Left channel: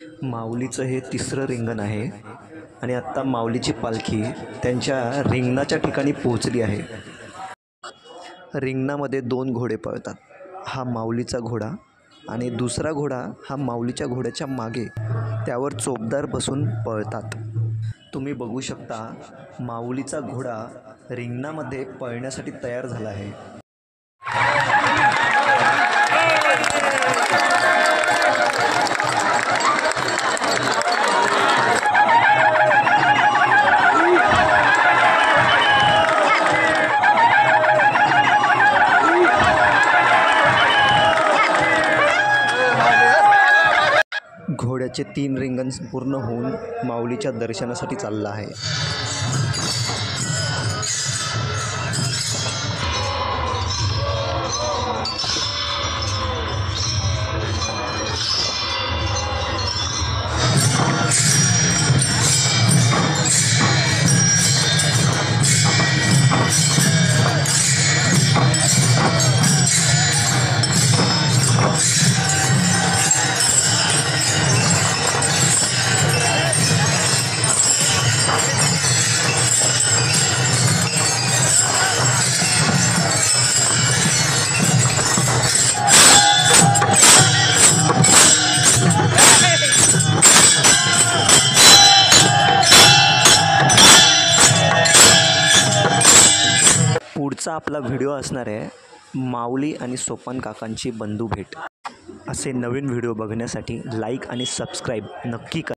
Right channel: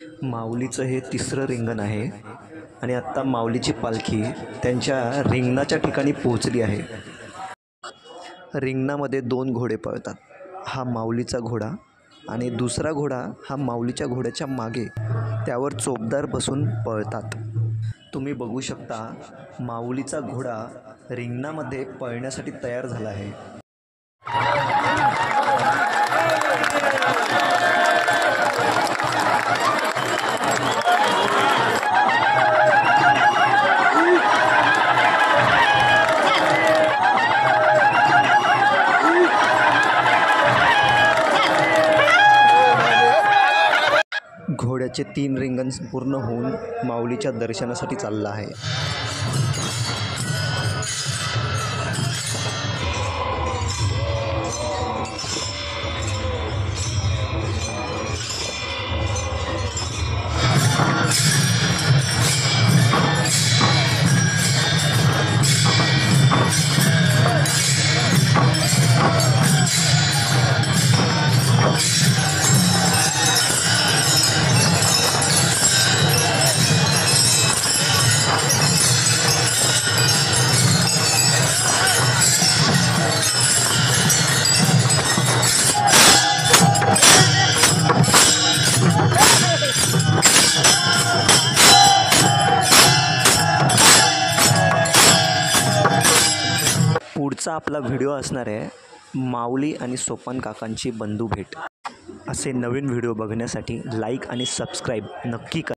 माऊलीचं हे तिसरं रिंगण आहे आणि आत्ता माऊलीची पालखी त्यांच्या रिंगणाच्या ठिकाणी पोहोचली आहे. रिंगणामध्ये दोन घोडे पळतात. हा माऊलीचा घोडा आणि दुसरा घोडा हा माऊलीच्या घोड्याच्या मागे त्यावर चोपदार बसून पळतात. तुम्ही बघू शकता माऊलीचा घोडा रिंगणामध्ये पळण्यासाठी तयार झाला आहे. घोड्याचे 3 रिंगण पूर्ण होऊन माऊलीच्या दर्शनासाठी चालला आहे. पुढचा आपला व्हिडिओ असणार आहे माऊली आणि सोपान काकांची बंधू भेट. असे नवीन व्हिडिओ बघण्यासाठी लाईक आणि सबस्क्राईब नक्की करा.